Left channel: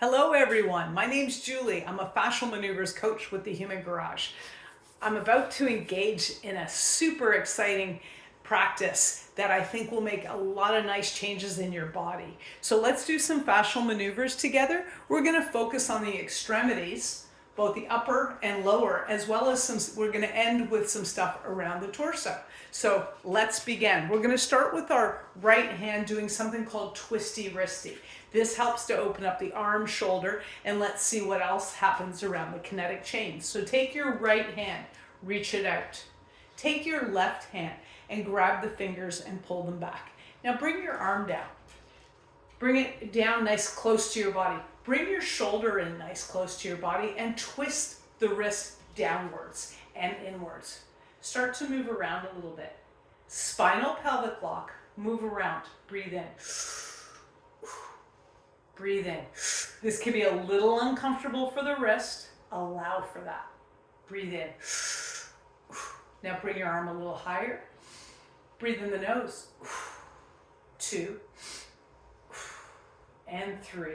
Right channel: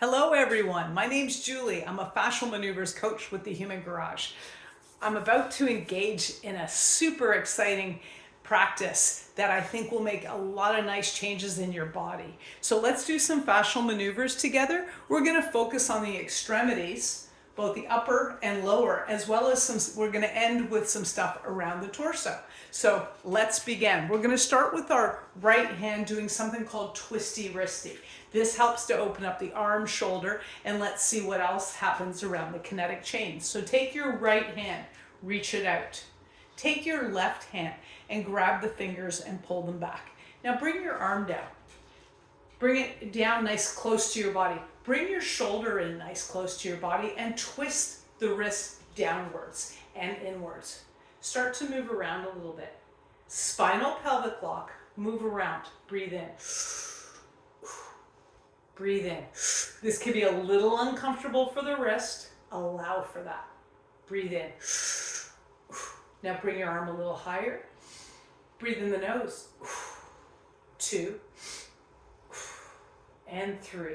Hello everyone, my name's Julie. I'm a Fascial Maneuvers coach with the Human Garage. I'm about to engage in a super exciting practice that I think will make a lot of nice changes in your body. So let's do some fascial maneuvers together. We're going to focus on the extremities, both the upper and lower, as well as we're going to end with some stuff around the torso. So let's begin. We're going to start with our right hand doing something called twisty wristy. This helps to open up the arm, shoulder, and let's see what else happens around the kinetic chain. So take your right hand, reach it out. Take your left hand and grab the fingers and pull them back. Now bring your arm down. Bring it down nice close to your body. Bring your shoulder in nice close to your body and twist the wrist downwards and inwards. Start to move around a little bit. Spinal pelvic lock, move around, breathe in. Breathe in. This can be a little uncomfortable for the wrist. Allow for that. Breathe in. Now bring your arm a little higher. Breathe in the nose. 2 and 3.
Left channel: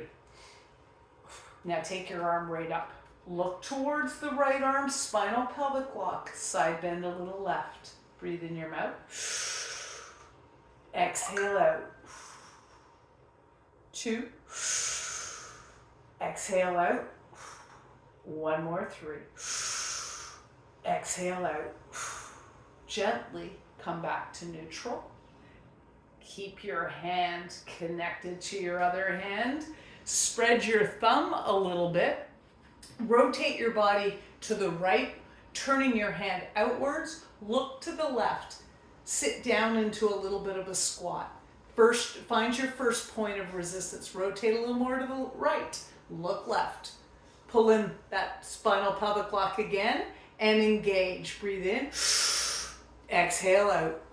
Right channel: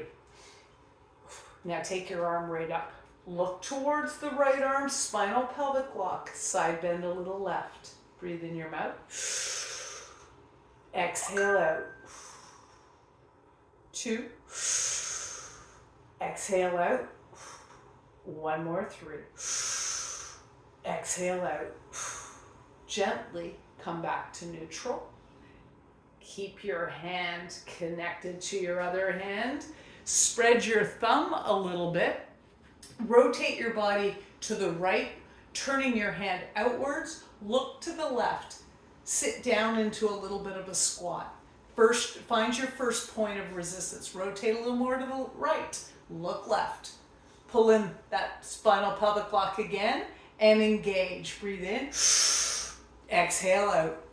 Now take your arm right up. Look towards the right arm, spinal pelvic lock, side bend a little left. Breathe in your mouth. Exhale out. 2. Exhale out. 1 more, 3. Exhale out. Gently come back to neutral. Keep your hand connected to your other hand. Spread your thumb a little bit. Rotate your body to the right, turning your hand outwards. Look to the left. Sit down into a little bit of a squat. First, find your first point of resistance. Rotate a little more to the right. Look left. Pull in that spinal pelvic lock again and engage. Breathe in. Exhale out.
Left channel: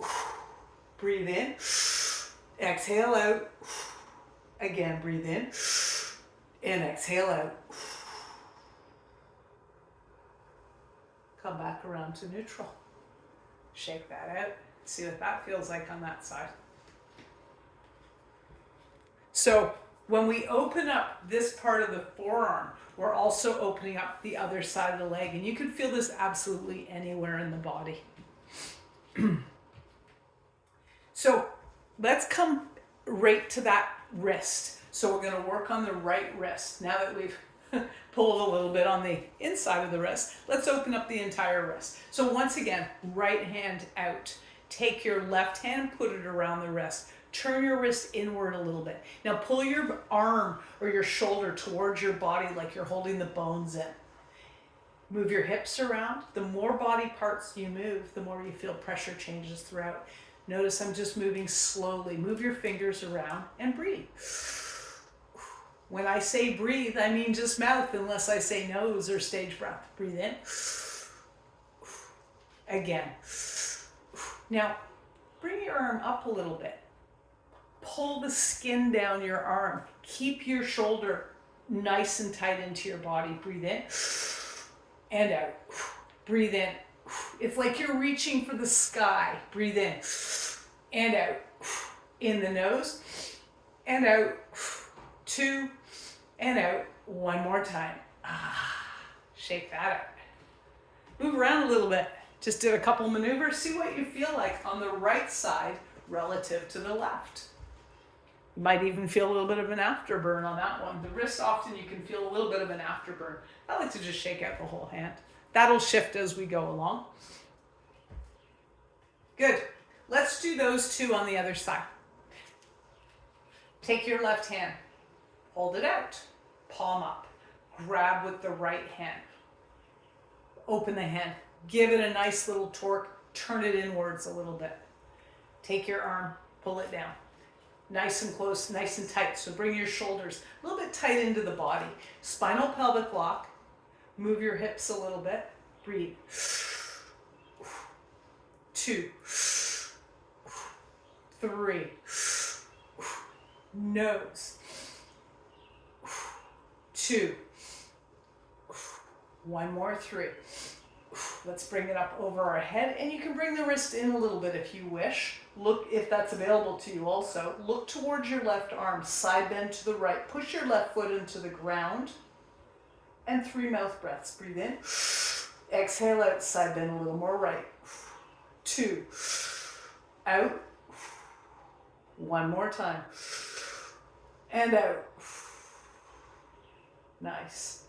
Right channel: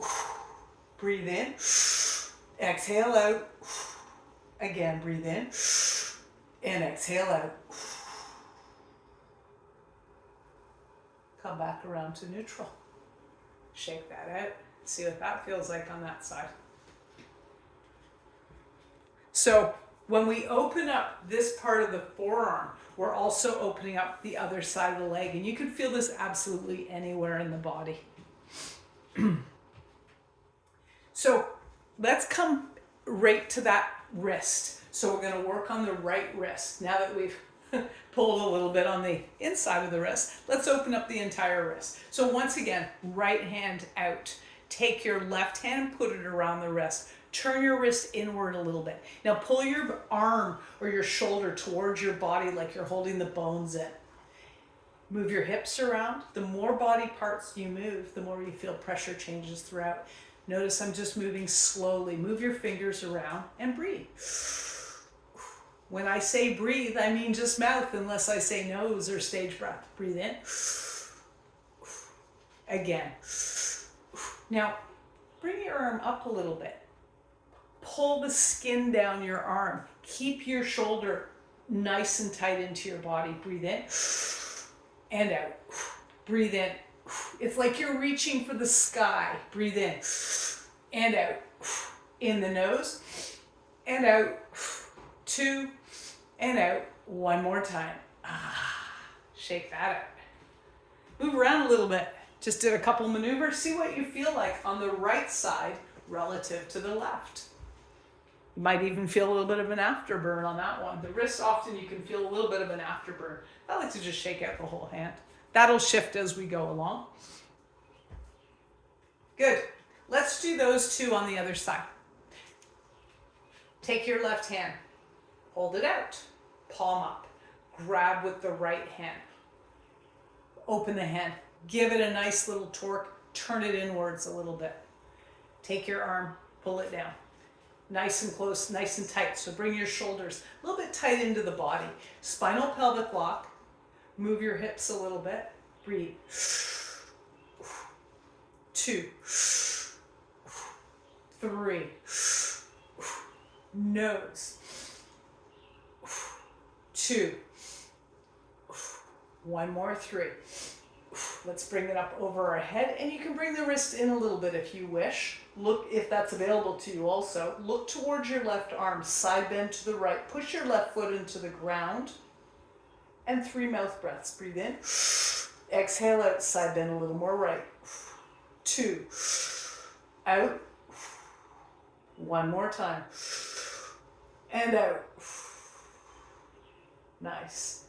Breathe in. Exhale out. Again, breathe in. And exhale out. Come back around to neutral. Shake that out. See what that feels like on that side. So when we open up this part of the forearm, we're also opening up the other side of the leg. And you can feel this absolutely anywhere in the body. So let's come right to that wrist. So we're going to work on the right wrist. Now that we've pulled a little bit on the inside of the wrist, let's open up the entire wrist. So once again, right hand out. Take your left hand, put it around the wrist. Turn your wrist inward a little bit. Now pull your arm or your shoulder towards your body like you're holding the bones in. Move your hips around. The more body parts you move, the more you feel pressure changes throughout. Notice I'm just moving slowly. Move your fingers around and breathe. When I say breathe, I mean just mouth unless I say nose or stage breath. Breathe in. Again. Now, bring your arm up a little bit. Pull the skin down your arm. Keep your shoulder nice and tight into your body. Breathe in and out. Breathe in. It's like you're reaching for the sky. Breathe in and out. In the nose and out. 2 and out. 1 more time. Shake that out. Move around a little bit. Just did a couple maneuvers. See what you feel like on the right side relative to the left. You might even feel a little bit of an afterburn on that one. The wrist, often you can feel a little bit of an afterburn. I like to just shake out the whole hand. That'll shift as we go along. Good. Let's do those 2 on the other side. Take your left hand. Hold it out. Palm up. Grab with the right hand. Open the hand. Give it a nice little torque. Turn it inwards a little bit. Take your arm. Pull it down. Nice and close, nice and tight. So bring your shoulders a little bit tight into the body. Spinal pelvic lock. Move your hips a little bit. Breathe. 2. 3. Nose. 2. 1 more, 3. Let's bring it up over our head, and you can bring the wrist in a little bit if you wish. Look if that's available to you also. Look towards your left arm, side bend to the right. Push your left foot into the ground. And 3 mouth breaths. Breathe in. Exhale out, side bend a little more right. 2. Out. 1 more time. And out. Nice.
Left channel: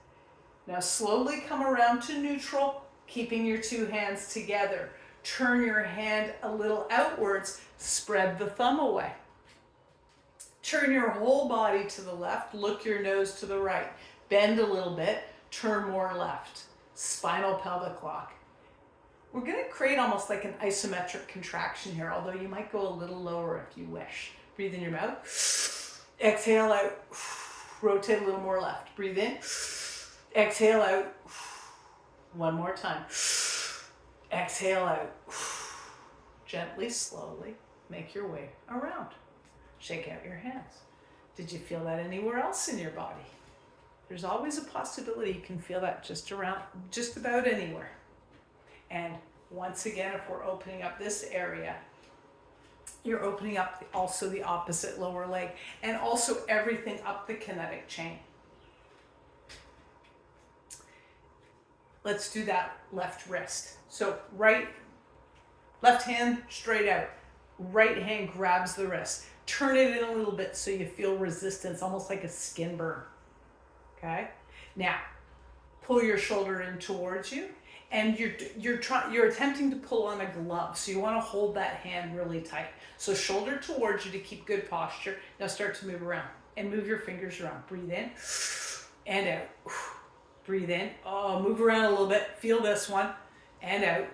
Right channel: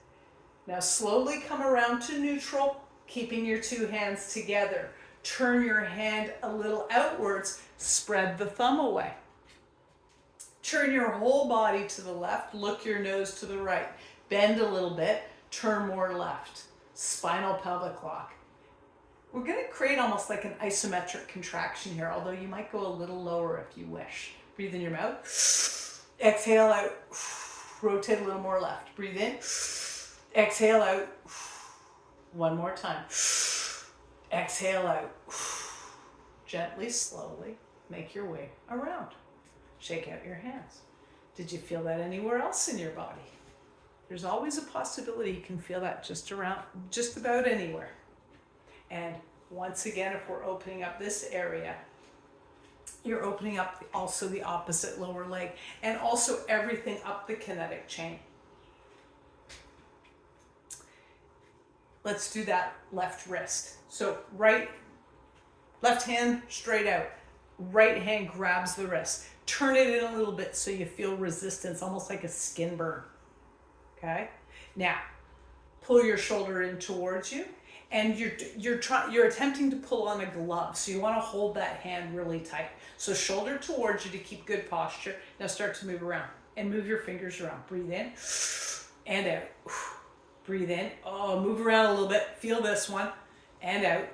Now slowly come around to neutral, keeping your 2 hands together. Turn your hand a little outwards, spread the thumb away. Turn your whole body to the left, look your nose to the right. Bend a little bit, turn more left. Spinal pelvic lock. We're going to create almost like an isometric contraction here, although you might go a little lower if you wish. Breathe in your mouth. Exhale out. Rotate a little more left. Breathe in. Exhale out. 1 more time. Exhale out. Gently, slowly, make your way around. Shake out your hands. Did you feel that anywhere else in your body? There's always a possibility you can feel that just about anywhere. And once again, if we're opening up this area, you're opening up also the opposite lower leg and also everything up the kinetic chain. Let's do that left wrist. So left hand straight out. Right hand grabs the wrist. Turn it in a little bit so you feel resistance, almost like a skin burn. Okay? Now, pull your shoulder in towards you, and you're attempting to pull on a glove. So you want to hold that hand really tight. So shoulder towards you to keep good posture. Now start to move around and move your fingers around. Breathe in and out. Breathe in. Oh, move around a little bit. Feel this one. And out.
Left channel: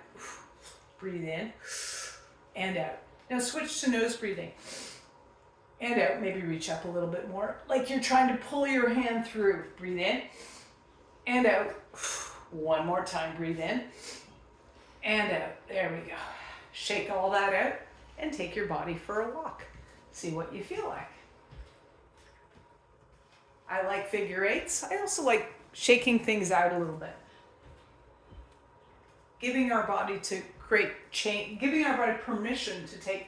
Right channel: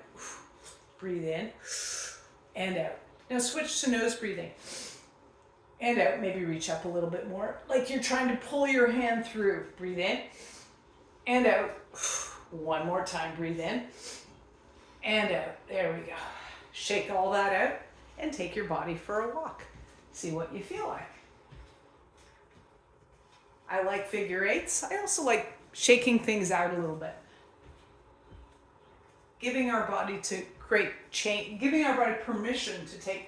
Breathe in. And out. Now switch to nose breathing. And out. Maybe reach up a little bit more. Like you're trying to pull your hand through. Breathe in. And out. 1 more time. Breathe in. And out. There we go. Shake all that out and take your body for a walk. See what you feel like. I like figure eights. I also like shaking things out a little bit. Giving our body to create change, giving our body permission to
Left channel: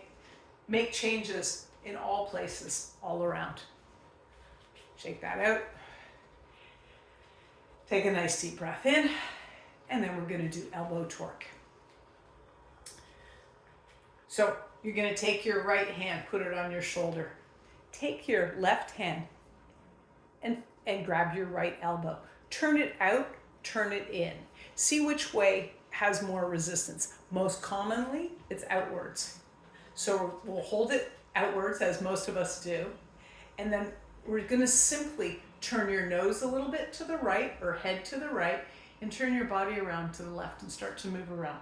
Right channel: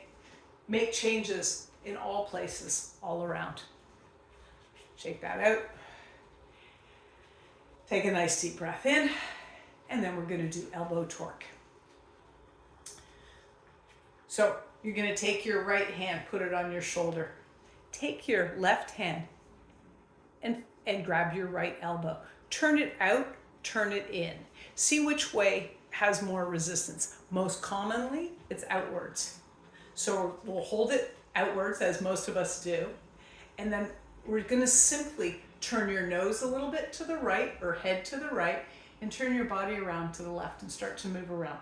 make changes in all places, all around. Shake that out. Take a nice deep breath in, and then we're going to do elbow torque. So you're going to take your right hand, put it on your shoulder. Take your left hand and grab your right elbow. Turn it out, turn it in. See which way has more resistance. Most commonly, it's outwards. So we'll hold it outwards, as most of us do. And then we're going to simply turn your nose a little bit to the right or head to the right and turn your body around to the left and start to move around.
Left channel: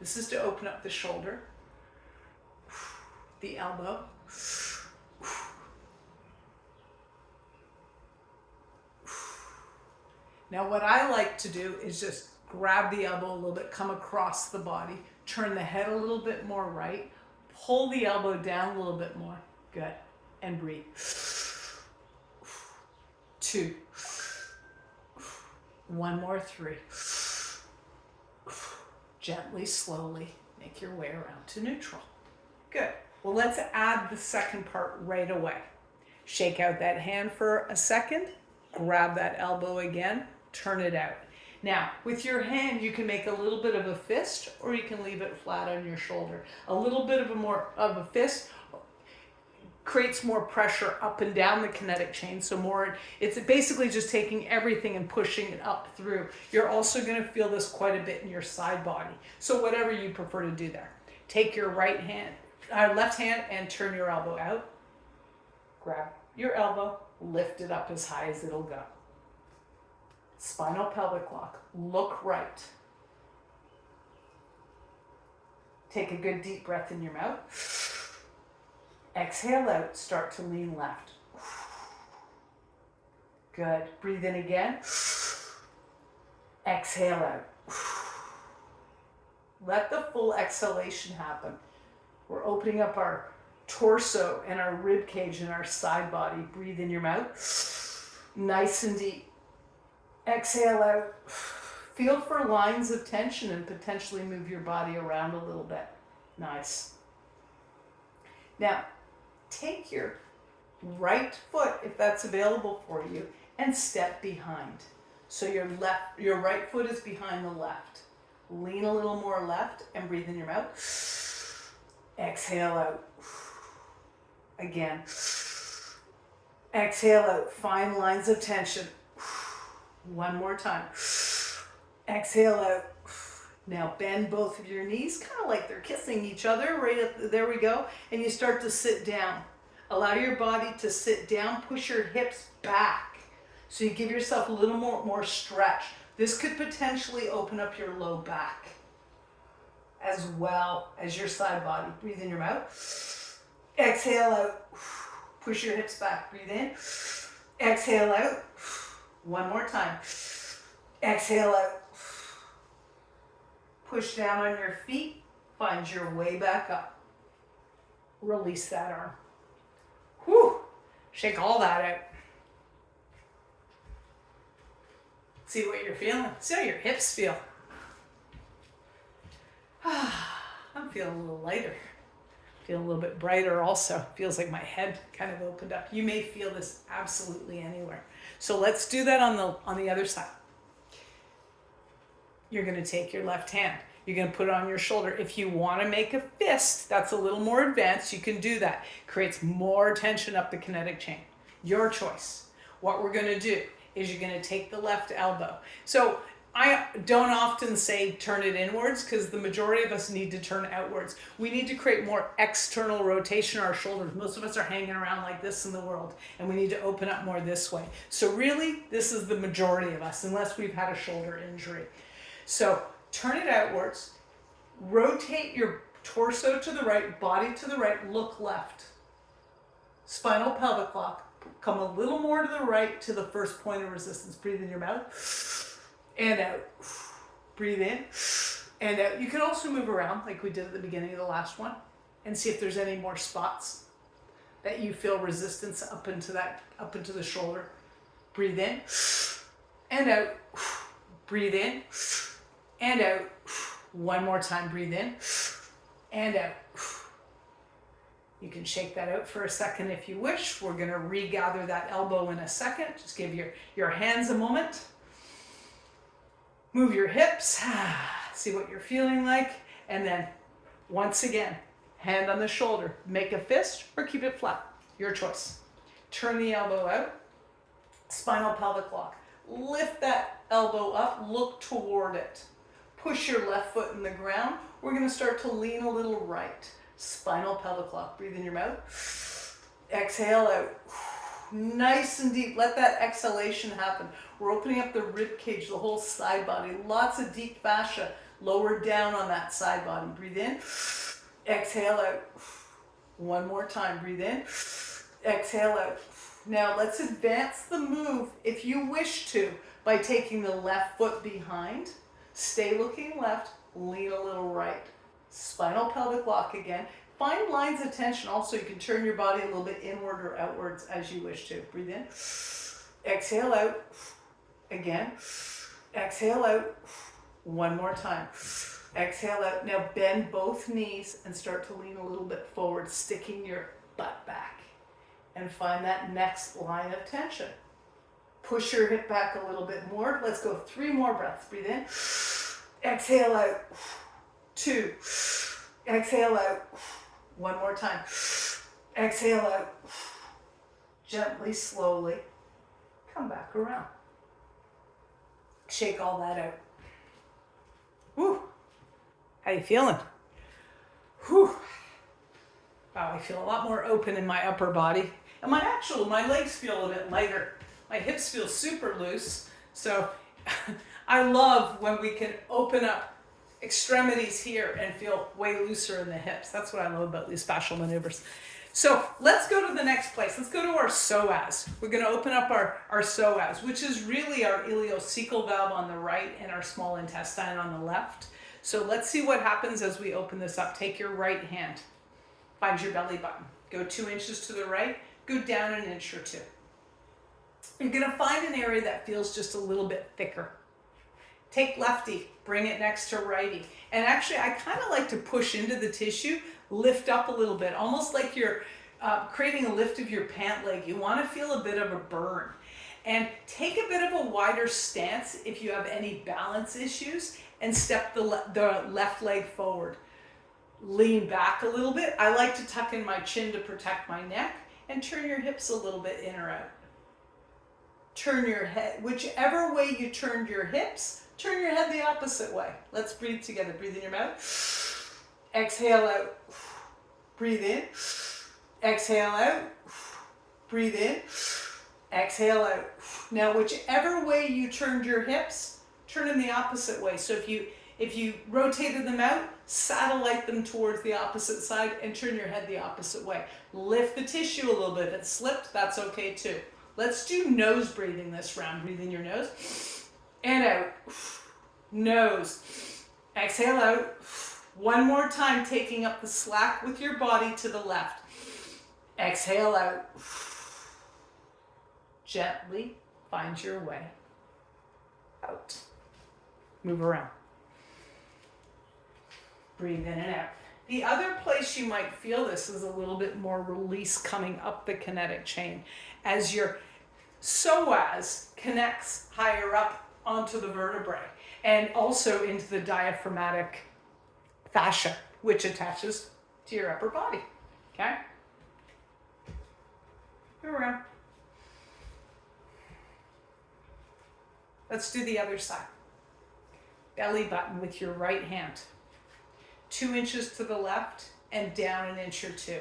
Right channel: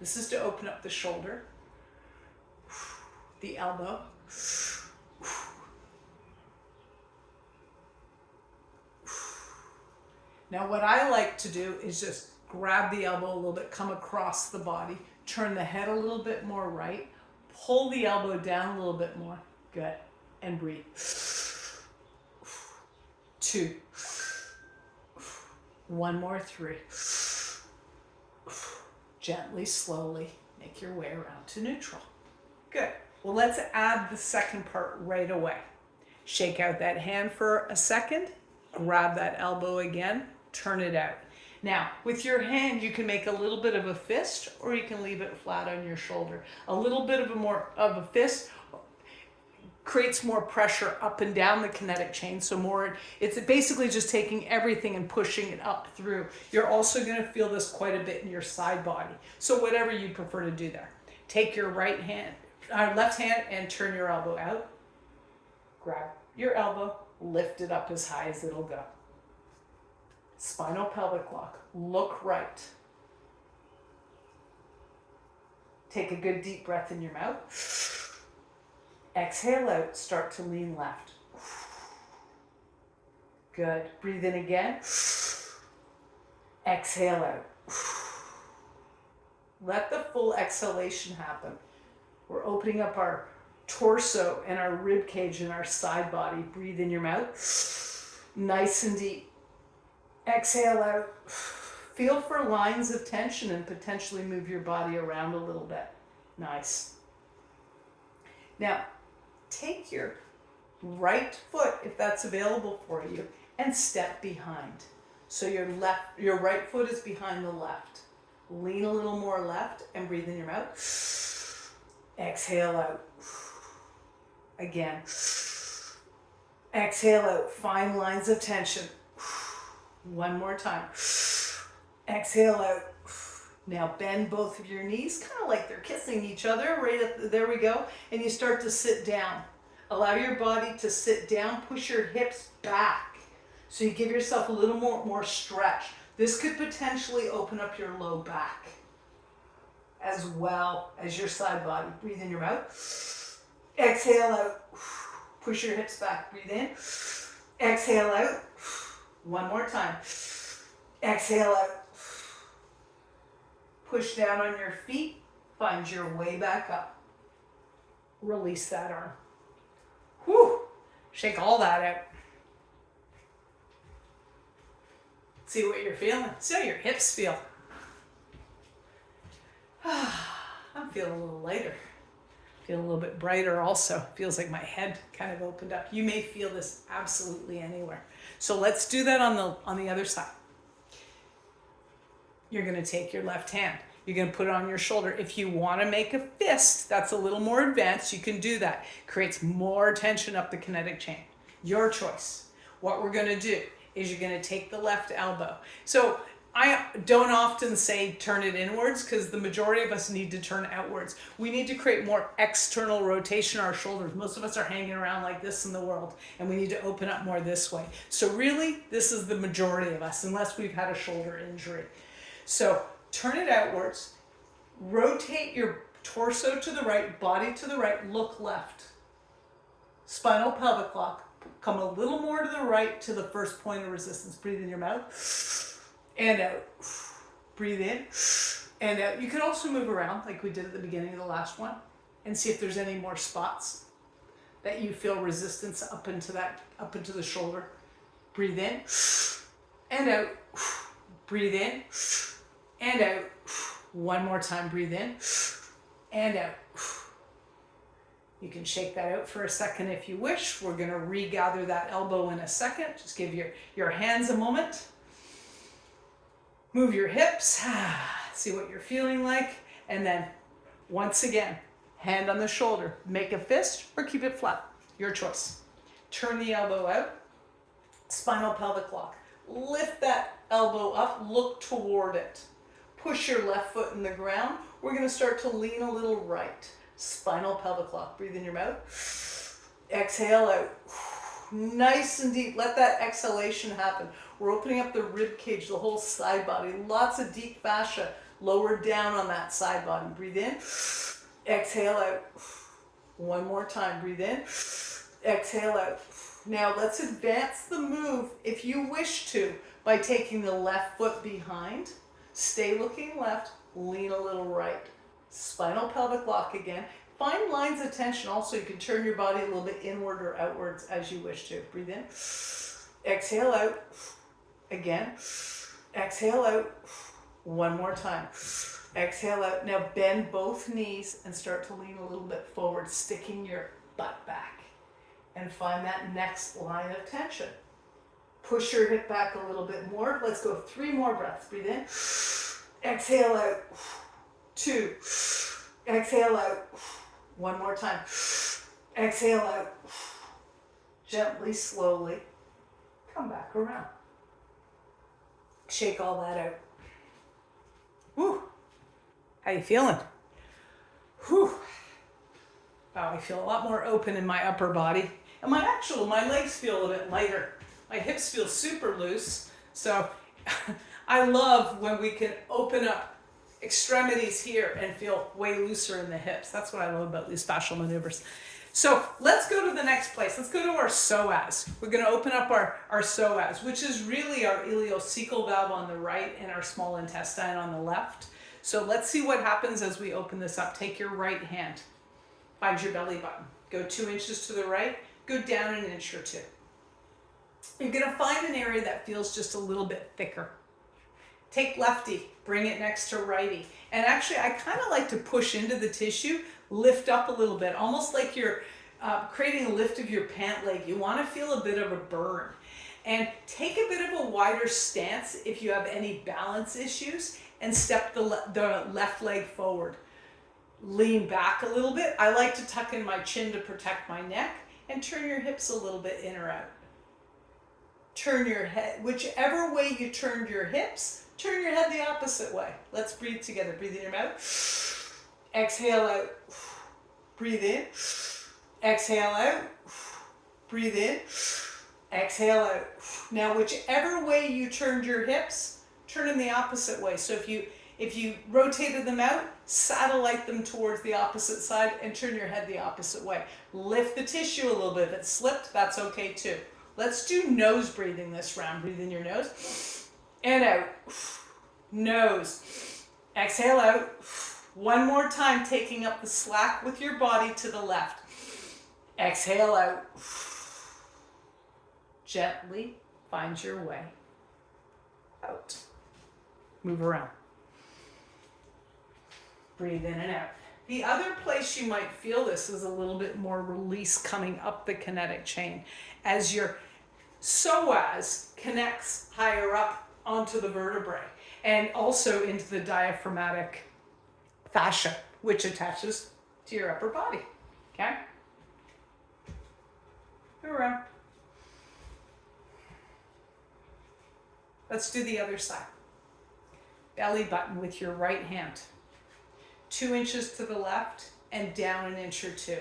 This is to open up the shoulder, the elbow. Now what I like to do is just grab the elbow a little bit, come across the body, turn the head a little bit more right, pull the elbow down a little bit more. Good. And breathe. 2. 1 more. 3. Gently, slowly, make your way around to neutral. Good. Well, let's add the second part right away. Shake out that hand for a second, grab that elbow again, turn it out. Now, with your hand, you can make a little bit of a fist, or you can leave it flat on your shoulder. A little bit of a fist creates more pressure up and down the kinetic chain, so more, it's basically just taking everything and pushing it up through. You're also going to feel this quite a bit in your side body. So whatever you prefer to do there. Take your left hand and turn your elbow out. Grab your elbow, lift it up as high as it'll go. Spinal pelvic lock. Look right. Take a good deep breath in your mouth. Exhale out. Start to lean left. Good. Breathe in again. Exhale out. Let the full exhalation happen. We're opening up our torso and our rib cage and our side body. Breathe in your mouth. Nice and deep. Exhale out. Feel for lines of tension and potentially move your body around a little bit. Nice. Now, take your right foot, if that's available for you, and step behind. So your right foot is behind the left. Lean a little more left and breathe in your mouth. Exhale out. Again. Exhale out. Find lines of tension. One more time. Exhale out. Now bend both of your knees, kind of like they're kissing each other. There we go. And you start to sit down. Allow your body to sit down. Push your hips back. So you give yourself a little more stretch. This could potentially open up your low back as well as your side body. Breathe in your mouth. Exhale out. Push your hips back. Breathe in. Exhale out. One more time. Exhale out. Push down on your feet. Find your way back up. Release that arm. Whew. Shake all that out. See what you're feeling. See how your hips feel. I'm feeling a little lighter. Feel a little bit brighter also. Feels like my head kind of opened up. You may feel this absolutely anywhere. So let's do that on the other side. You're going to take your left hand. You're going to put it on your shoulder. If you want to make a fist, that's a little more advanced. You can do that. Creates more tension up the kinetic chain. Your choice. What we're going to do is you're going to take the left elbow. So I don't often say turn it inwards because the majority of us need to turn outwards. We need to create more external rotation in our shoulders. Most of us are hanging around like this in the world, and we need to open up more this way. So really, this is the majority of us, unless we've had a shoulder injury. So turn it outwards, rotate your torso to the right, body to the right, look left. Spinal pelvic lock, come a little more to the right to the first point of resistance. Breathe in your mouth and out. Breathe in and out. You can also move around like we did at the beginning of the last one and see if there's any more spots that you feel resistance up into the shoulder. Breathe in and out. Breathe in and out. One more time. Breathe in and out. You can shake that out for a second if you wish. We're going to regather that elbow in a second. Just give your hands a moment. Move your hips. See what you're feeling like. And then once again, hand on the shoulder. Make a fist or keep it flat. Your choice. Turn the elbow out. Spinal pelvic lock. Lift that elbow up. Look toward it. Push your left foot in the ground. We're going to start to lean a little right. Spinal pelvic lock. Breathe in your mouth. Exhale out. Nice and deep. Let that exhalation happen. We're opening up the rib cage, the whole side body. Lots of deep fascia lower down on that side body. Breathe in. Exhale out. One more time. Breathe in. Exhale out. Now let's advance the move if you wish to by taking the left foot behind. Stay looking left. Lean a little right. Spinal pelvic lock again. Find lines of tension. Also, you can turn your body a little bit inward or outwards as you wish to. Breathe in. Exhale out. Again. Exhale out. One more time. Exhale out. Now bend both knees and start to lean a little bit forward, sticking your butt back. And find that next line of tension. Push your hip back a little bit more. Let's go 3 more breaths. Breathe in. Exhale out. 2. Exhale out. One more time. Exhale out. Gently, slowly. Come back around. Shake all that out. Whew. How you feeling? Whew. Wow, I feel a lot more open in my upper body. And my legs feel a bit lighter. My hips feel super loose. So I love when we can open up extremities here and feel way looser in the hips. That's what I love about these fascial maneuvers. So let's go to the next place. Let's go to our psoas. We're going to open up our psoas, which is really our ileocecal valve on the right and our small intestine on the left. So let's see what happens as we open this up. Take your right hand. Find your belly button. Go 2 inches to the right. Go down 1 inch or 2. You're going to find an area that feels just a little bit thicker. Take lefty, bring it next to righty. And actually, I kind of like to push into the tissue, lift up a little bit, almost like you're creating a lift of your pant leg. You want to feel a bit of a burn. And take a bit of a wider stance if you have any balance issues, and step the left leg forward. Lean back a little bit. I like to tuck in my chin to protect my neck, and turn your hips a little bit in or out. Turn your head, whichever way you turned your hips, turn your head the opposite way. Let's breathe together. Breathe in your mouth. Exhale out. Breathe in. Exhale out. Breathe in. Exhale out. Now, whichever way you turned your hips, turn in the opposite way. So if you rotated them out, satellite them towards the opposite side and turn your head the opposite way. Lift the tissue a little bit. If it slipped, that's okay too. Let's do nose breathing this round. Breathe in your nose and out. Nose. Exhale out. One more time, taking up the slack with your body to the left. Exhale out. Gently find your way out. Move around. Breathe in and out. The other place you might feel this is a little bit more release coming up the kinetic chain as your psoas connects higher up onto the vertebrae and also into the diaphragmatic fascia, which attaches to your upper body. Okay? Go around. Let's do the other side. Belly button with your right hand. 2 inches to the left and down an inch or two.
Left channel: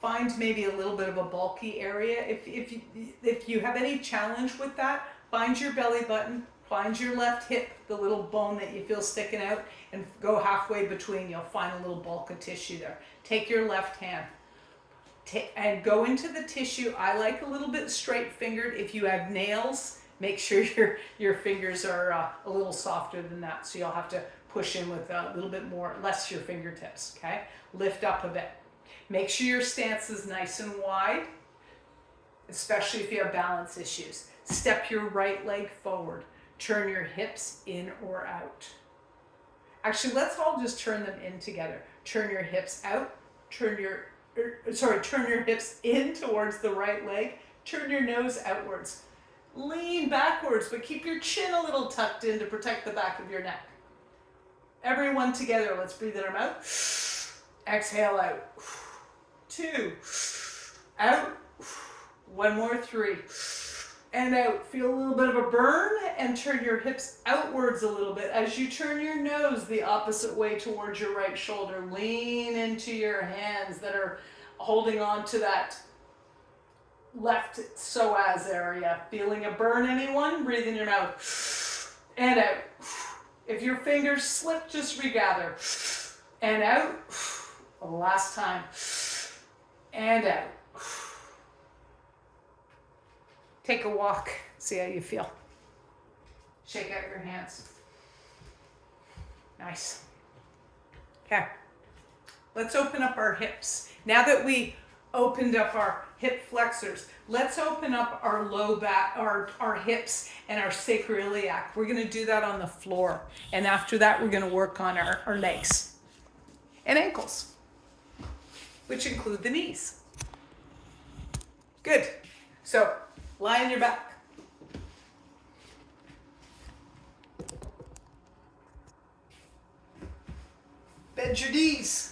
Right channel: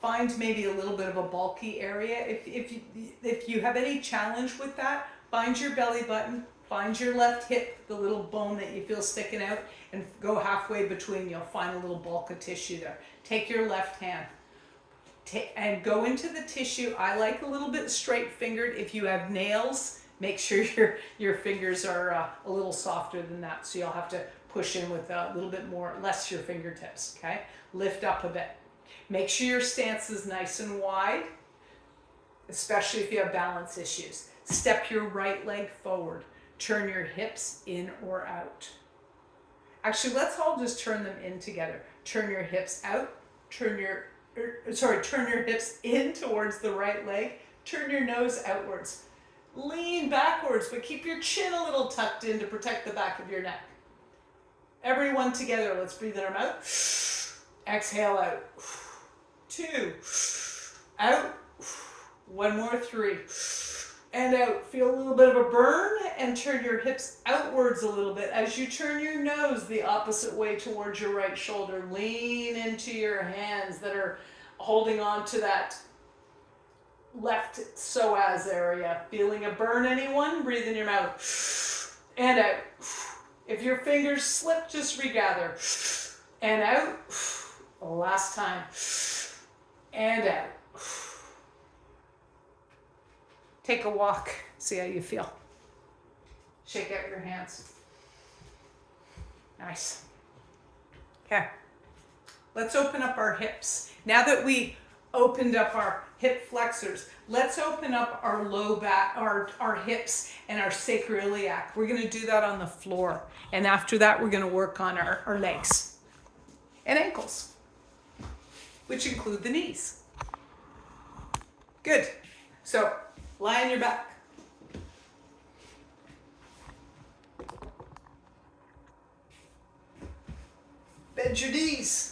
Find maybe a little bit of a bulky area. If you have any challenge with that, find your belly button, find your left hip, the little bone that you feel sticking out, and go halfway between. You'll find a little bulk of tissue there. Take your left hand and go into the tissue. I like a little bit straight fingered. If you have nails, make sure your fingers are a little softer than that. So you'll have to push in with a little bit more, less your fingertips, okay? Lift up a bit. Make sure your stance is nice and wide, especially if you have balance issues. Step your right leg forward. Turn your hips in or out. Actually, let's all just turn them in together. Turn your hips out. Turn your hips in towards the right leg. Turn your nose outwards. Lean backwards, but keep your chin a little tucked in to protect the back of your neck. Everyone together, let's breathe in our mouth. Exhale out. 2. Out. 1 more, 3. And out. Feel a little bit of a burn and turn your hips outwards a little bit. As you turn your nose the opposite way towards your right shoulder, lean into your hands that are holding on to that left psoas area. Feeling a burn, anyone? Breathe in your mouth. And out. If your fingers slip, just regather. And out. Last time. And out. Take a walk. See how you feel. Shake out your hands. Nice. Okay. Let's open up our hips. Now that we opened up our hip flexors, let's open up our low back, our hips and our sacroiliac. We're going to do that on the floor. And after that, we're going to work on our legs and ankles, which include the knees. Good. So lie on your back. Bend your knees.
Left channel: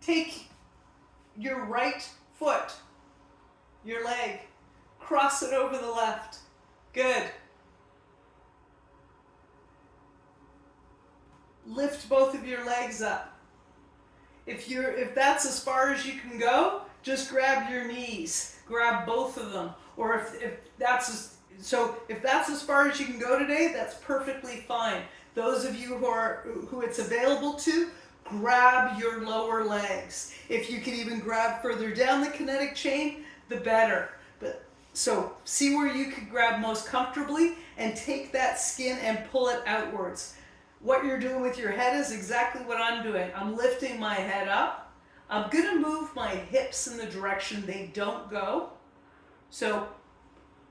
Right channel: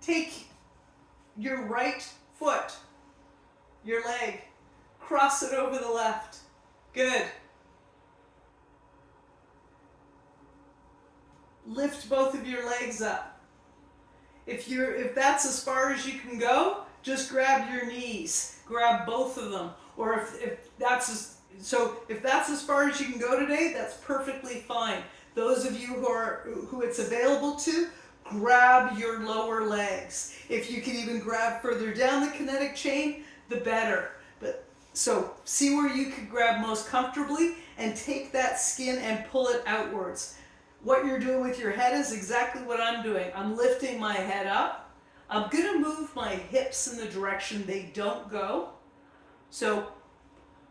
Take your right foot, your leg, cross it over the left. Good. Lift both of your legs up. If that's as far as you can go, just grab your knees. Grab both of them. Or if that's as far as you can go today, that's perfectly fine. Those of you who it's available to, grab your lower legs. If you can even grab further down the kinetic chain, the better. So see where you could grab most comfortably and take that skin and pull it outwards. What you're doing with your head is exactly what I'm doing. I'm lifting my head up. I'm going to move my hips in the direction they don't go. So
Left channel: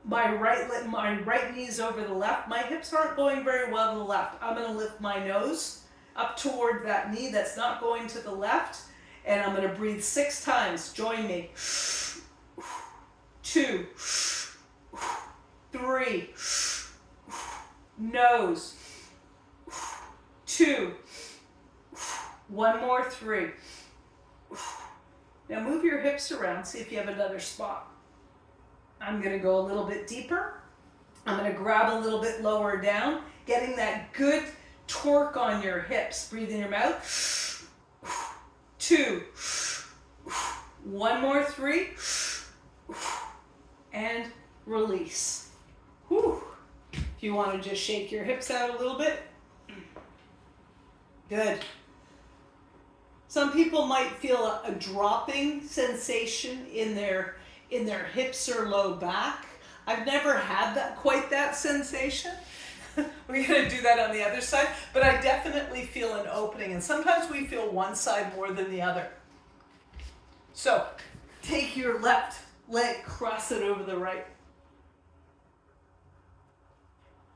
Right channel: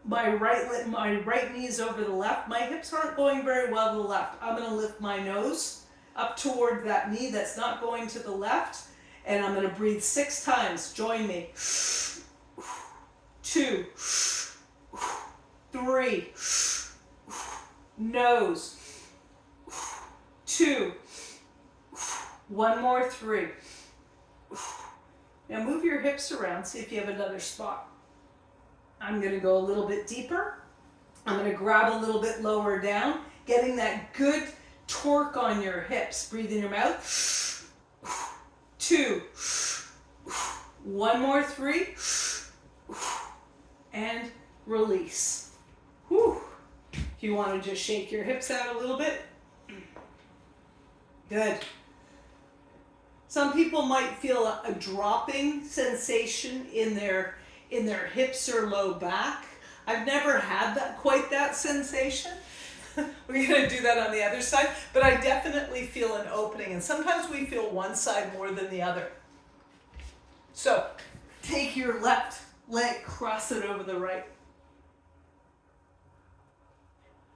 my right knee is over the left. My hips aren't going very well to the left. I'm going to lift my nose up toward that knee that's not going to the left, and I'm going to breathe 6 times. Join me. 2, 3, nose, 2, 1 more, 3. Now move your hips around, see if you have another spot. I'm going to go a little bit deeper. I'm going to grab a little bit lower down, getting that good torque on your hips. Breathe in your mouth. 2, 1 more, 3, and release. Whew. If you want to just shake your hips out a little bit. Good. Some people might feel a dropping sensation in their hips or low back. I've never had quite that sensation. We're going to do that on the other side, but I definitely feel an opening, and sometimes we feel one side more than the other. So take your left leg, cross it over the right.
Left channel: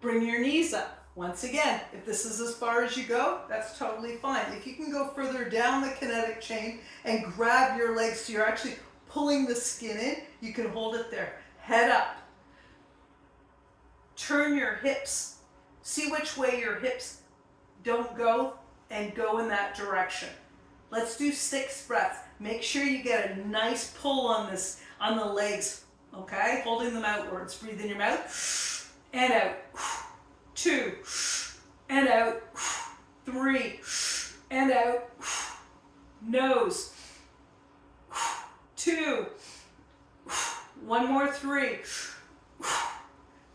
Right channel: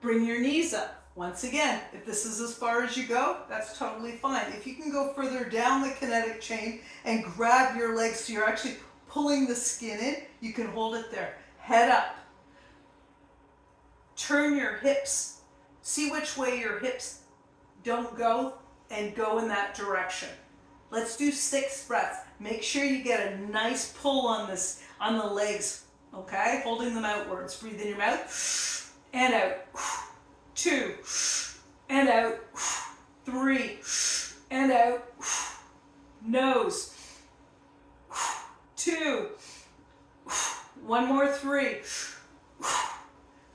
Bring your knees up. Once again, if this is as far as you go, that's totally fine. If you can go further down the kinetic chain and grab your legs so you're actually pulling the skin in, you can hold it there. Head up. Turn your hips. See which way your hips don't go and go in that direction. Let's do 6 breaths. Make sure you get a nice pull on the legs, okay? Holding them outwards. Breathe in your mouth and out. 2 and out. 3 and out. Nose. 2. 1 more, 3.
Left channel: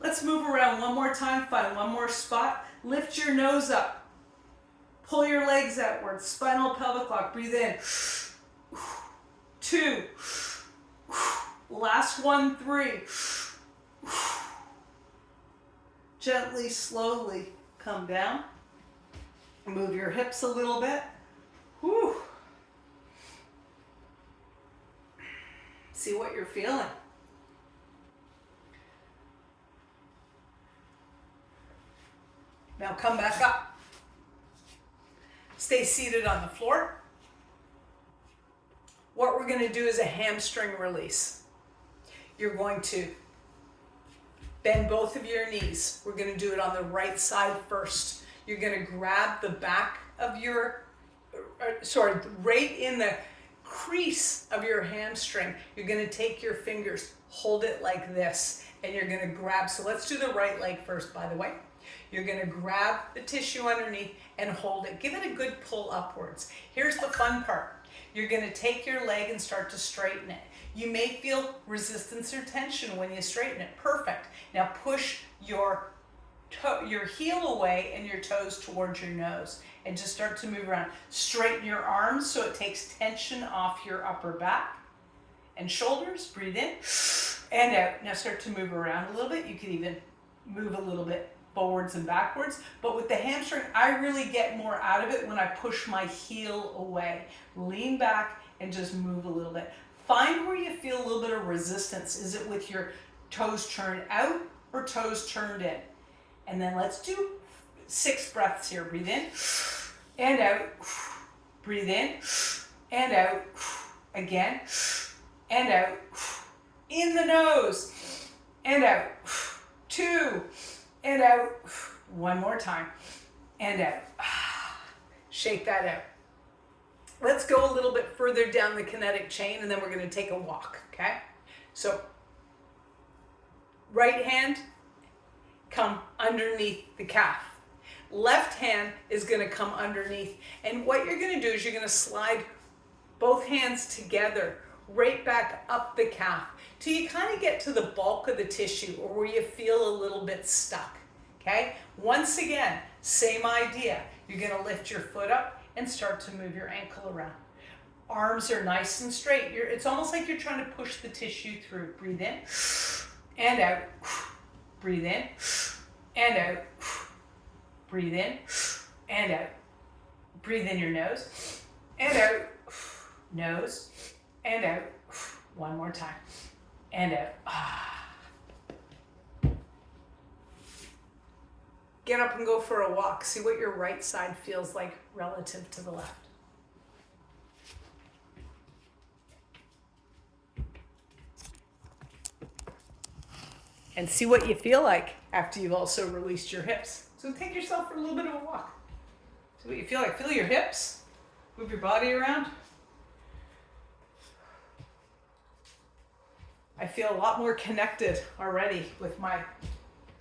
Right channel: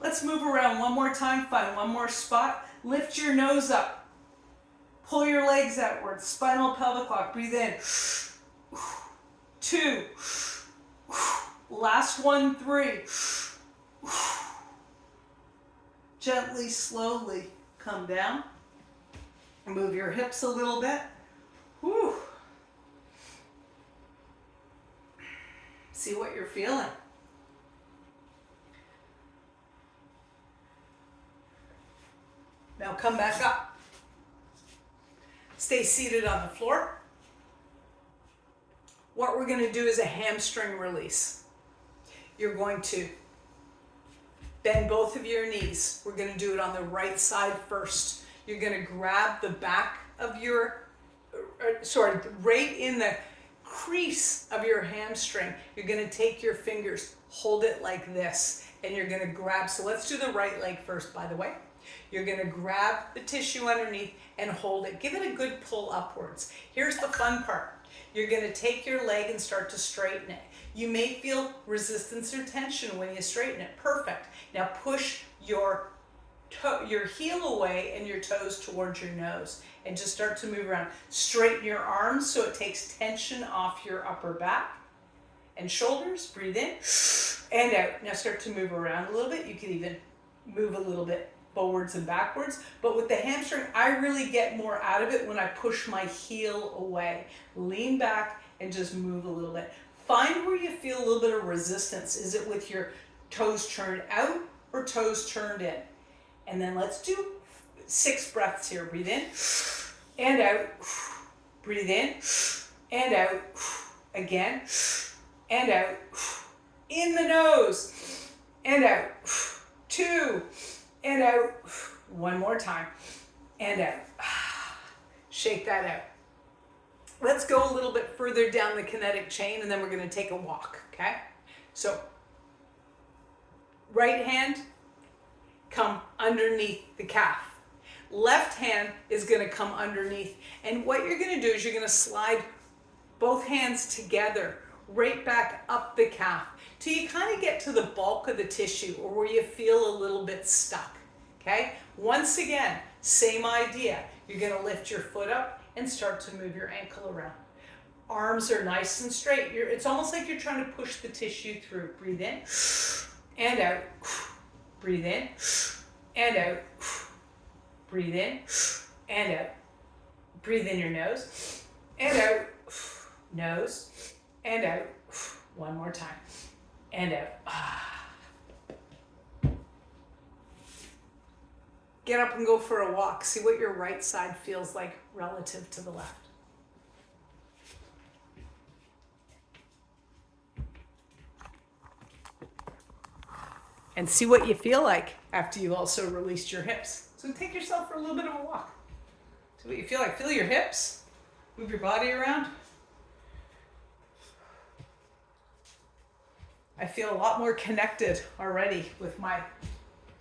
Let's move around one more time. Find one more spot. Lift your nose up. Pull your legs outwards. Spinal pelvic lock. Breathe in. 2. Last one, 3. Gently, slowly come down. Move your hips a little bit. Whew. See what you're feeling. Now come back up. Stay seated on the floor. What we're going to do is a hamstring release. You're going to bend both of your knees. We're going to do it on the right side first. You're going to grab the back of right in the crease of your hamstring. You're going to take your fingers, hold it like this, and you're going to grab. So let's do the right leg first, by the way. You're going to grab the tissue underneath and hold it. Give it a good pull upwards. Here's the fun part. You're going to take your leg and start to straighten it. You may feel resistance or tension when you straighten it. Perfect. Now push your heel away and your toes towards your nose and just start to move around. Straighten your arms so it takes tension off your upper back and shoulders. Breathe in and out. Now start to move around a little bit. You can even move a little bit forwards and backwards. But with the hamstring, I really get more out of it when I push my heel away. Lean back and just move a little bit. Find where you feel a little bit of resistance. Is it with your toes turned out or toes turned in? And then let's do 6 breaths here. Breathe in and out. Breathe in and out. Again and out. In the nose and out. 2 and out. 1 more time and out. Shake that out. Let's go a little bit further down the kinetic chain and then we're going to take a walk, okay? So, right hand, come underneath the calf. Left hand is going to come underneath. And what you're going to do is you're going to slide both hands together right back up the calf till you kind of get to the bulk of the tissue or where you feel a little bit stuck, okay? Once again, same idea. You're going to lift your foot up and start to move your ankle around. Arms are nice and straight. It's almost like you're trying to push the tissue through. Breathe in and out. Breathe in and out. Breathe in and out. Breathe in your nose and out. Nose and out. 1 more time. And out. get up and go for a walk. See what your right side feels like relative to the left. And see what you feel like after you've also released your hips. So take yourself for a little bit of a walk. See what you feel like. Feel your hips. Move your body around. I feel a lot more connected already with my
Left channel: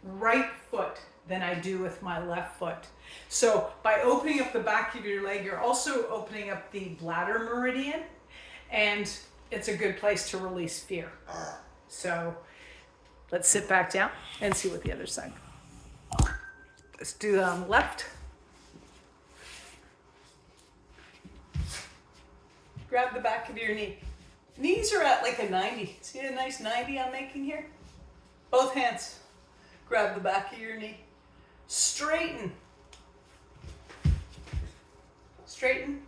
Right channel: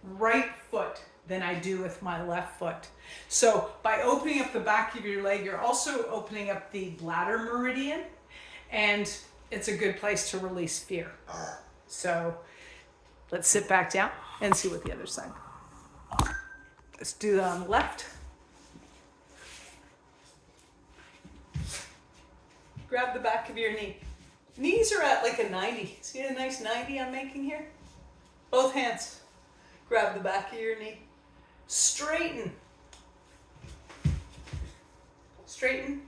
right foot than I do with my left foot. So by opening up the back of your leg, you're also opening up the bladder meridian, and it's a good place to release fear. So let's sit back down and see what the other side. Let's do that on the left. Grab the back of your knee. Knees are at like a 90. See a nice 90 I'm making here? Both hands. Grab the back of your knee. Straighten. Straighten.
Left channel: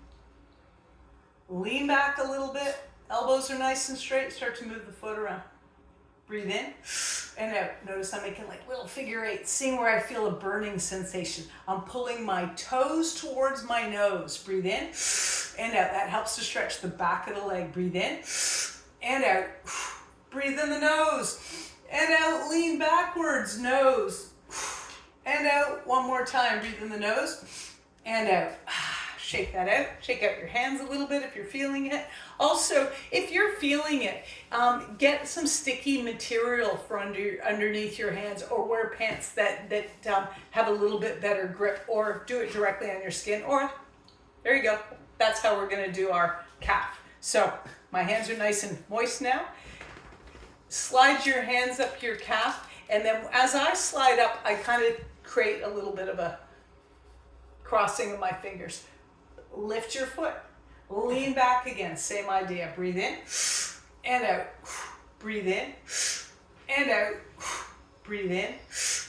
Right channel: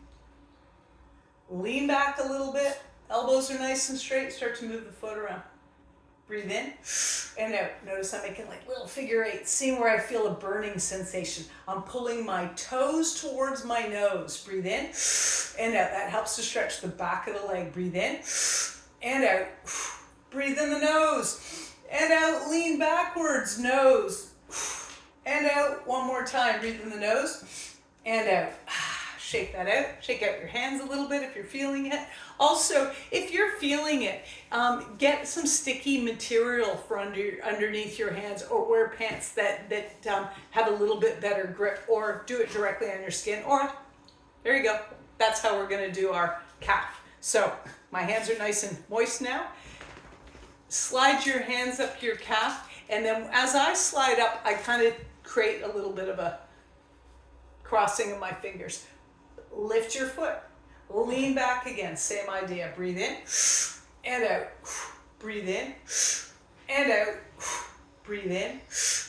Lean back a little bit. Elbows are nice and straight. Start to move the foot around. Breathe in and out. Notice I'm making like little figure eights. Seeing where I feel a burning sensation. I'm pulling my toes towards my nose. Breathe in and out. That helps to stretch the back of the leg. Breathe in and out. Breathe in the nose and out. Lean backwards. Nose and out. One more time. Breathe in the nose and out. Shake that out. Shake out your hands a little bit if you're feeling it. Also, if you're feeling it, get some sticky material for underneath your hands, or wear pants that have a little bit better grip, or do it directly on your skin. Or, there you go. That's how we're going to do our calf. So, my hands are nice and moist now. Slide your hands up your calf, and then as I slide up, I kind of create a little bit of a crossing of my fingers. Lift your foot. Lean back again. Same idea. Breathe in and out. Breathe in and out. Breathe in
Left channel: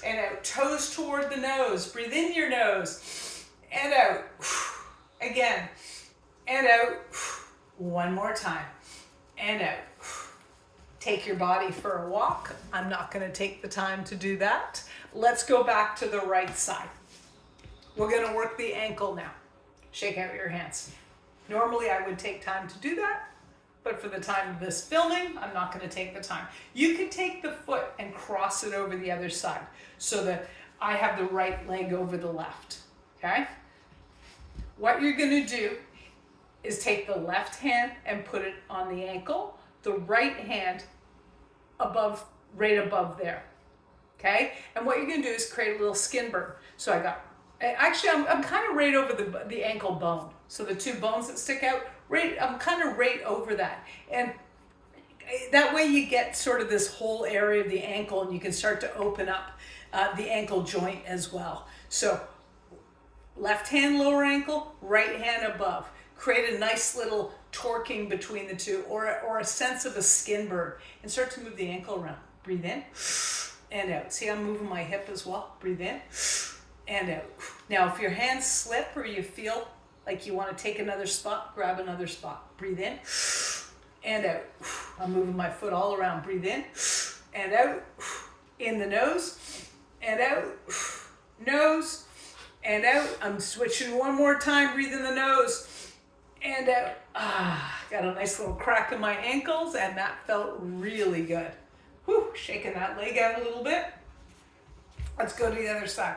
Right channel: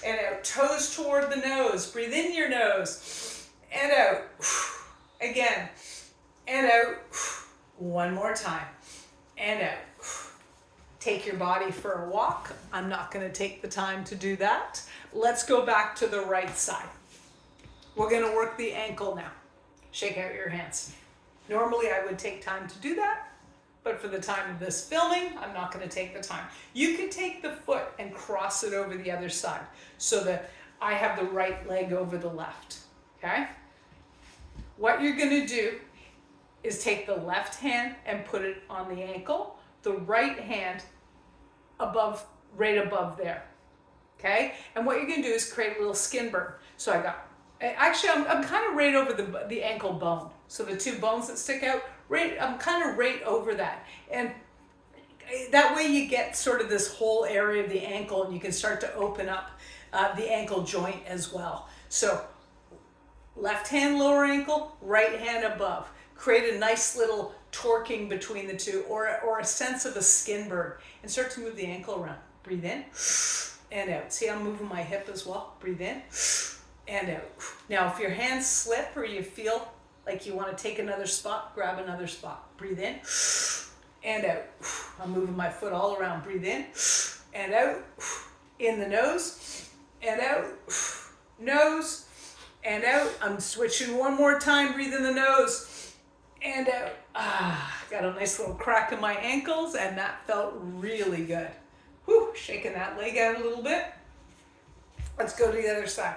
and out. Toes toward the nose. Breathe in your nose and out. Again and out. One more time and out. Take your body for a walk. I'm not going to take the time to do that. Let's go back to the right side. We're going to work the ankle now. Shake out your hands. Normally I would take time to do that, but for the time of this filming, I'm not going to take the time. You can take the foot and cross it over the other side so that I have the right leg over the left, okay? What you're going to do is take the left hand and put it on the ankle, the right hand right above there, okay? And what you're going to do is create a little skin burn. So I'm kind of right over the ankle bone. So the two bones that stick out, I'm kind of right over that. And that way you get sort of this whole area of the ankle, and you can start to open up the ankle joint as well. So left hand lower ankle, right hand above. Create a nice little torquing between the two, or a sense of a skin burn, and start to move the ankle around. Breathe in and out. See, I'm moving my hip as well. Breathe in and out. Now, if your hands slip or you feel like you want to take another spot, grab another spot. Breathe in and out. I'm moving my foot all around. Breathe in and out. In the nose and out. Nose and out. I'm switching one more time. Breathe in the nose and out. Got a nice little crack in my ankles, and that felt really good. Whew, shaking that leg out a little bit. Let's go to the other side.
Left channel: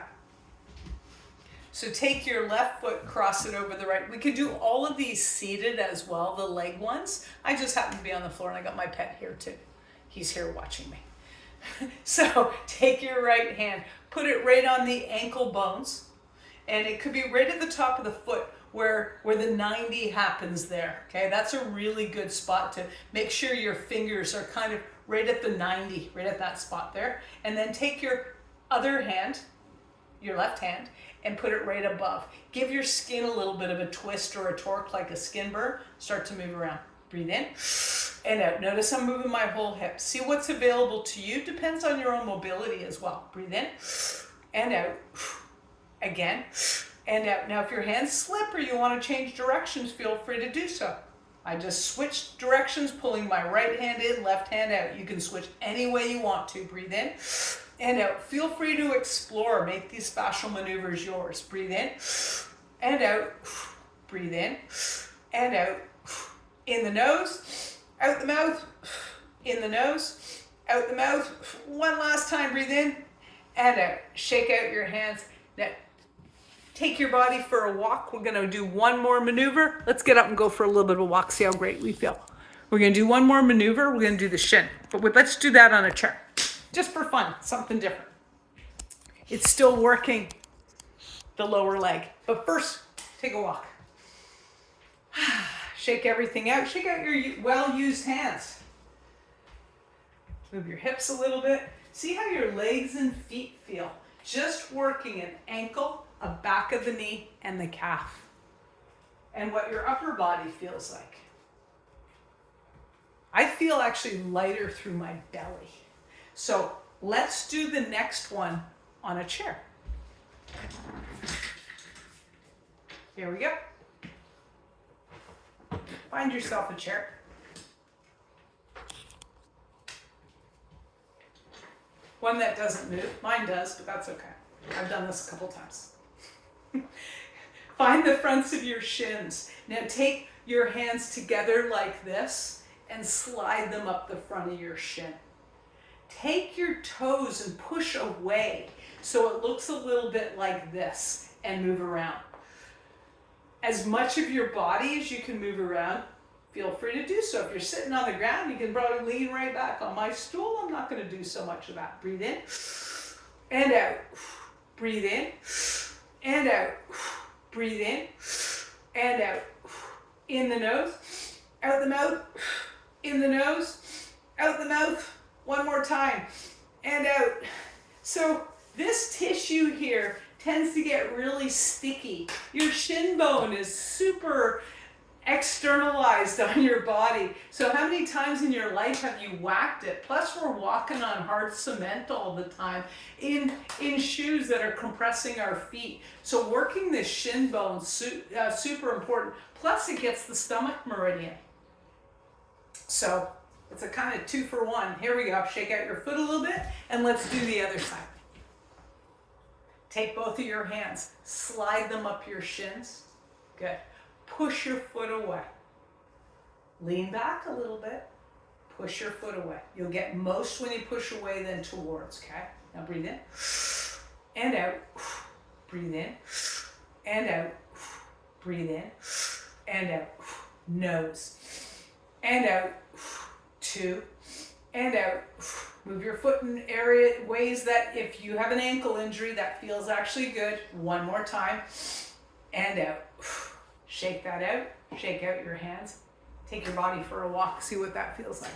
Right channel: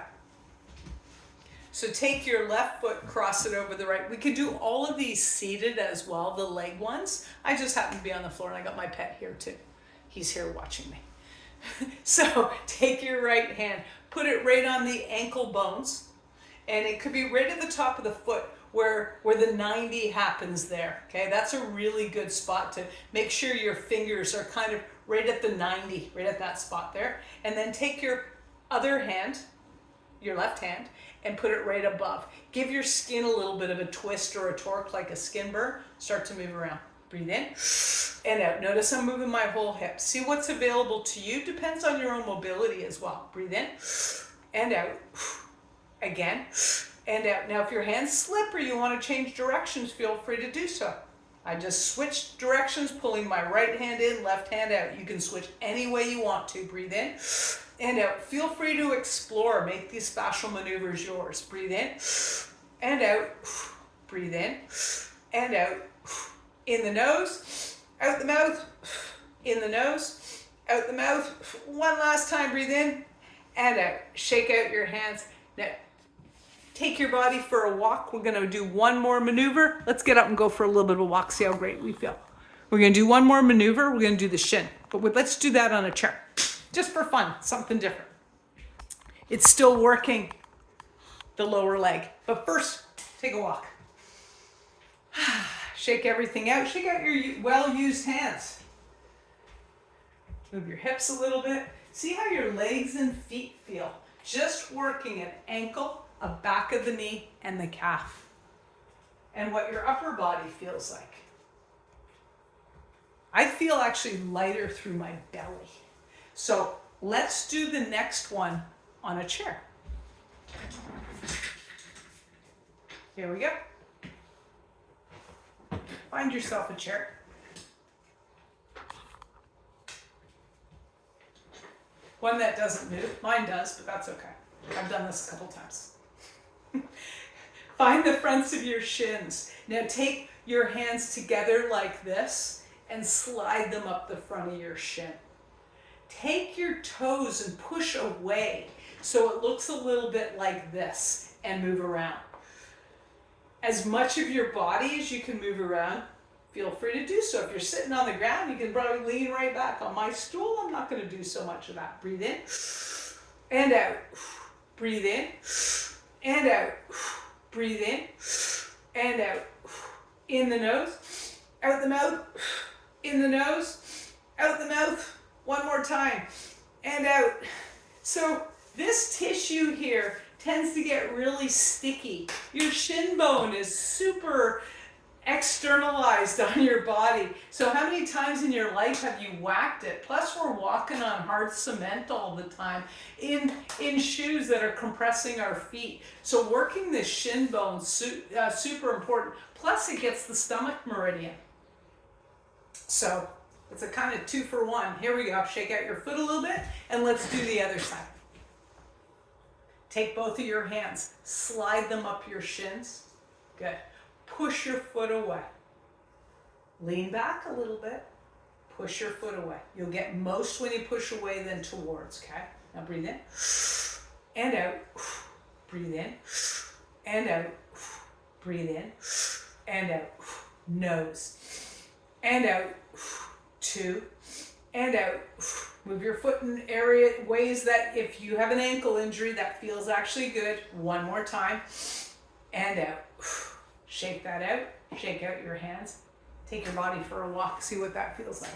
So take your left foot, cross it over the right. We could do all of these seated as well, the leg ones. I just happen to be on the floor, and I got my pet here too. He's here watching me. So take your right hand, put it right on the ankle bones, and it could be right at the top of the foot where the 90 happens there. Okay, that's a really good spot to make sure your fingers are kind of right at the 90, right at that spot there. And then take your other hand, your left hand, and put it right above. Give your skin a little bit of a twist or a torque, like a skin burn. Start to move around. Breathe in and out. Notice I'm moving my whole hip. See what's available to you. Depends on your own mobility as well. Breathe in and out. Again and out. Now, if your hands slip or you want to change directions, feel free to do so. I just switched directions, pulling my right hand in, left hand out. You can switch any way you want to. Breathe in and out. Feel free to explore. Make these fascial maneuvers yours. Breathe in and out. Breathe in and out. In the nose, out the mouth. In the nose, out the mouth. One last time. Breathe in and out. Shake out your hands. Now, take your body for a walk. We're going to do one more maneuver. Let's get up and go for a little bit of a walk. See how great we feel. We're going to do one more maneuver. We're going to do the shin. But let's do that on a chair. Just for fun. Something different. It's still working the lower leg. But first, take a walk. Shake everything out. Shake out your well-used hands. Move your hips a little bit. See how your legs and feet feel. Just working an ankle, a back of the knee, and the calf. And what your upper body feels like. I feel actually lighter through my belly. So let's do the next one on a chair. Here we go. Find yourself a chair. One that doesn't move. Mine does, but that's okay. I've done this a couple times. Find the fronts of your shins. Now take your hands together like this and slide them up the front of your shin. Take your toes and push away so it looks a little bit like this and move around. As much of your body as you can move around, feel free to do so. If you're sitting on the ground, you can probably lean right back. On my stool, I'm not going to do so much of that. Breathe in and out. Breathe in and out. Breathe in and out. In the nose, out the mouth. In the nose, out the mouth. One more time. And out. So this tissue here tends to get really sticky. Your shin bone is super externalized on your body. So how many times in your life have you whacked it? Plus we're walking on hard cement all the time in shoes that are compressing our feet. So working this shin bone super important. Plus it gets the stomach meridian. So it's a kind of 2-for-1. Here we go. Shake out your foot a little bit and let's do the other side. Take both of your hands, slide them up your shins. Good. Push your foot away. Lean back a little bit. Push your foot away. You'll get most when you push away than towards, okay? Now breathe in and out. Breathe in and out. Breathe in and out. Nose and out. 2 and out. Move your foot in ways that if you have an ankle injury, that feels actually good. One more time. And out. Shake that out. Shake out your hands. Take your body for a walk. See what that feels like.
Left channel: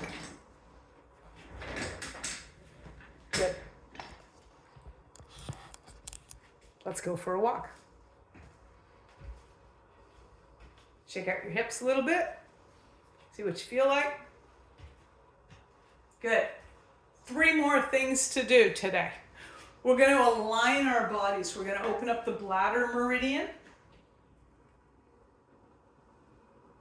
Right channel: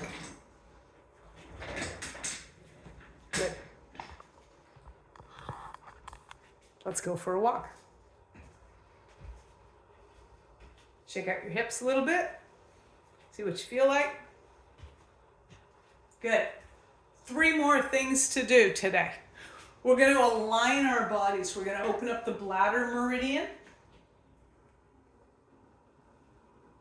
Good. Let's go for a walk. Shake out your hips a little bit. See what you feel like. Good. 3 more things to do today. We're going to align our bodies. We're going to open up the bladder meridian.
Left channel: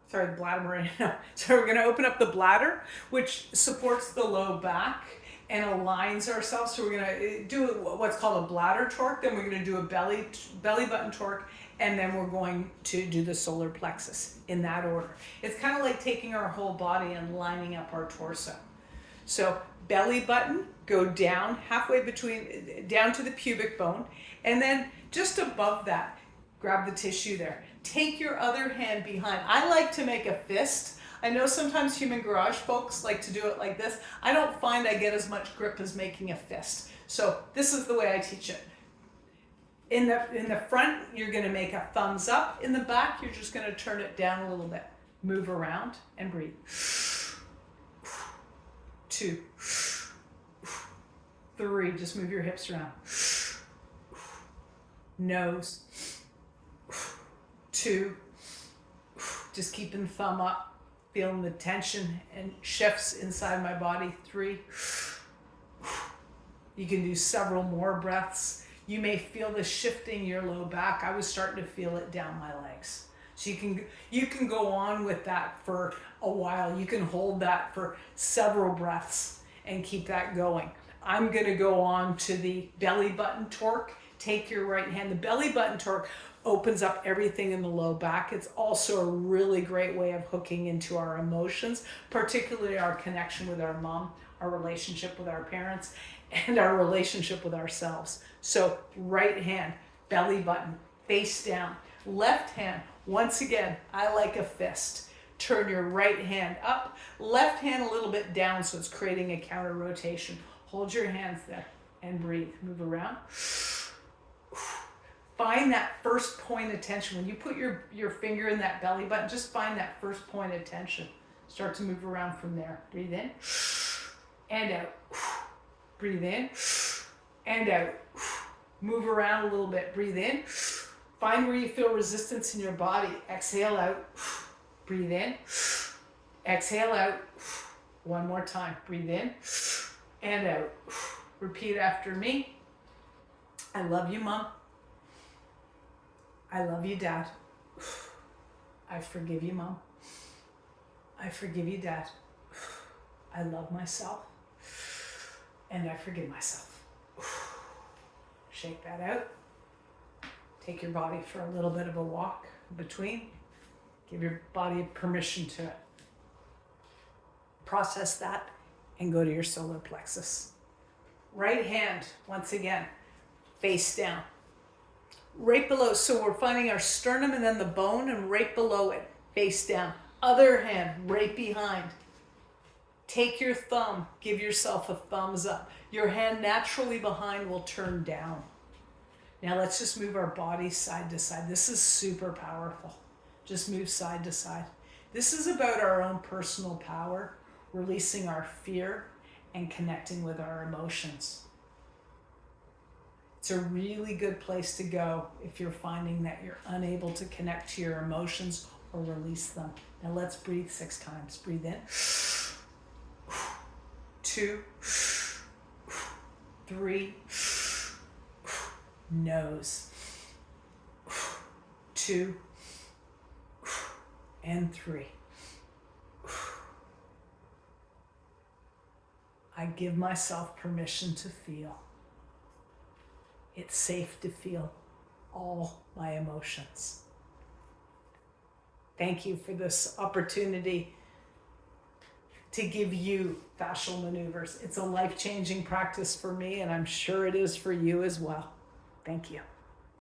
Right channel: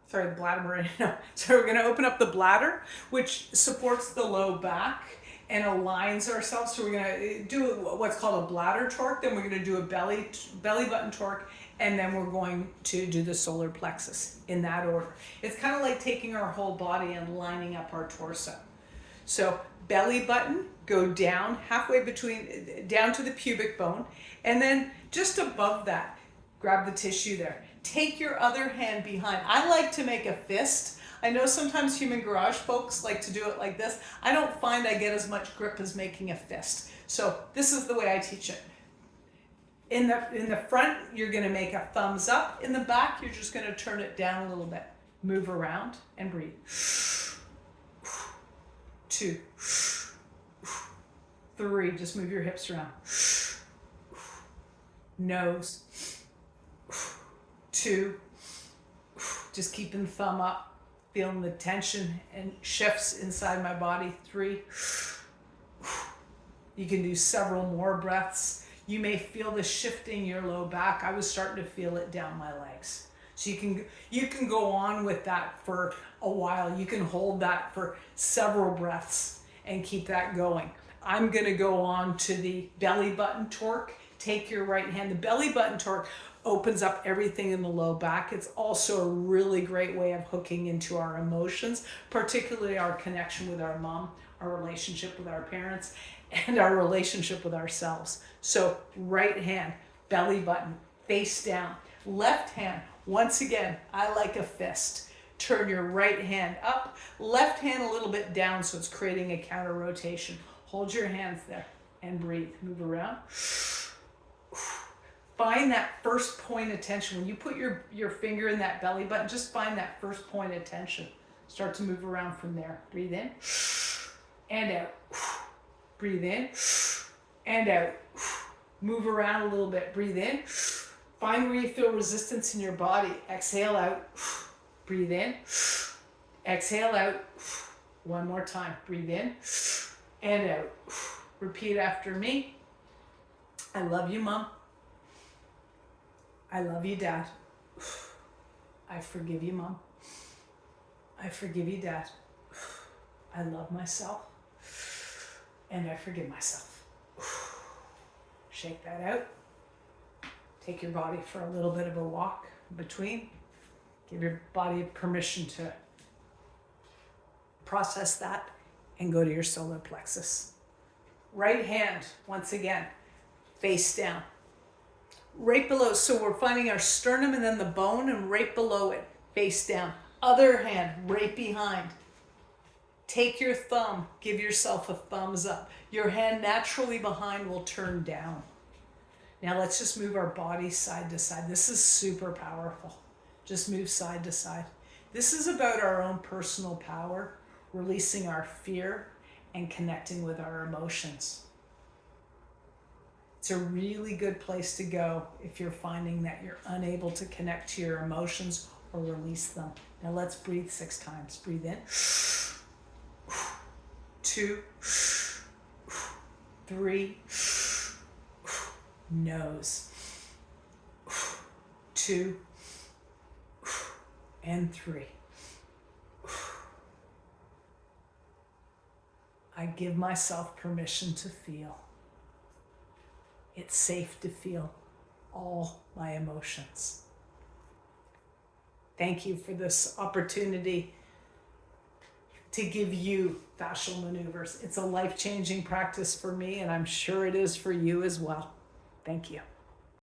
Sorry, the bladder meridian. No. Sorry, we're going to open up the bladder, which supports the low back and aligns ourselves. So we're going to do what's called a bladder torque. Then we're going to do a belly button torque. And then we're going to do the solar plexus in that order. It's kind of like taking our whole body and lining up our torso. So belly button, go down halfway down to the pubic bone, and then just above that, grab the tissue there. Take your other hand behind. I like to make a fist. I know sometimes Human Garage folks like to do it like this. I don't find I get as much grip as making a fist. So this is the way I teach it. In the front, you're going to make a thumbs up. In the back, you're just going to turn it down a little bit. Move around and breathe. 2, 3, just move your hips around. Nose. 2, just keeping the thumb up, feeling the tension and shifts inside my body. 3, you can do several more breaths. You may feel the shifting your low back. I was starting to feel it down my legs. So you can go on with that for a while. You can hold that for several breaths and keep that going. I'm going to go on to the belly button torque. Take your right hand. The belly button torque opens up everything in the low back. It's also a really great way of hooking into our emotions, particularly our connection with our mom, our relationship with our parents, and our relationship with ourselves. So right hand, belly button, face down. Left hand, once again, I like a fist. Turn your right hand up, left hand a little bit down, so it's creating a counter rotation. Hold your hands there and breathe. Move around. Find that first point of tension. When you put your finger in that belly button, just find that first point of tension. Start to move around from there. Breathe in and out. Breathe in and out. Move around a little bit. Breathe in. Find where you feel resistance in your body. Exhale out. Breathe in. Exhale out. One more time. Breathe in and out. Repeat after me. I love you, Mom. I love you, Dad. I forgive you, Mom. I forgive you, Dad. I love myself. And I forgive myself. Shake that out. Take your body for a little bit of a walk in between. Give your body permission to process that and go to your solar plexus. Right hand, once again, face down. Right below, so we're finding our sternum and then the bone, and right below it, face down. Other hand, right behind. Take your thumb, give yourself a thumbs up. Your hand naturally behind will turn down. Now let's just move our body side to side. This is super powerful. Just move side to side. This is about our own personal power, releasing our fear, and connecting with our emotions. It's a really good place to go if you're finding that you're unable to connect to your emotions or release them. Now let's breathe 6 times. Breathe in. 2, 3, nose. 2 and 3. I give myself permission to feel. It's safe to feel all my emotions. Thank you for this opportunity to give you fascial maneuvers. It's a life-changing practice for me, and I'm sure it is for you as well. Thank you.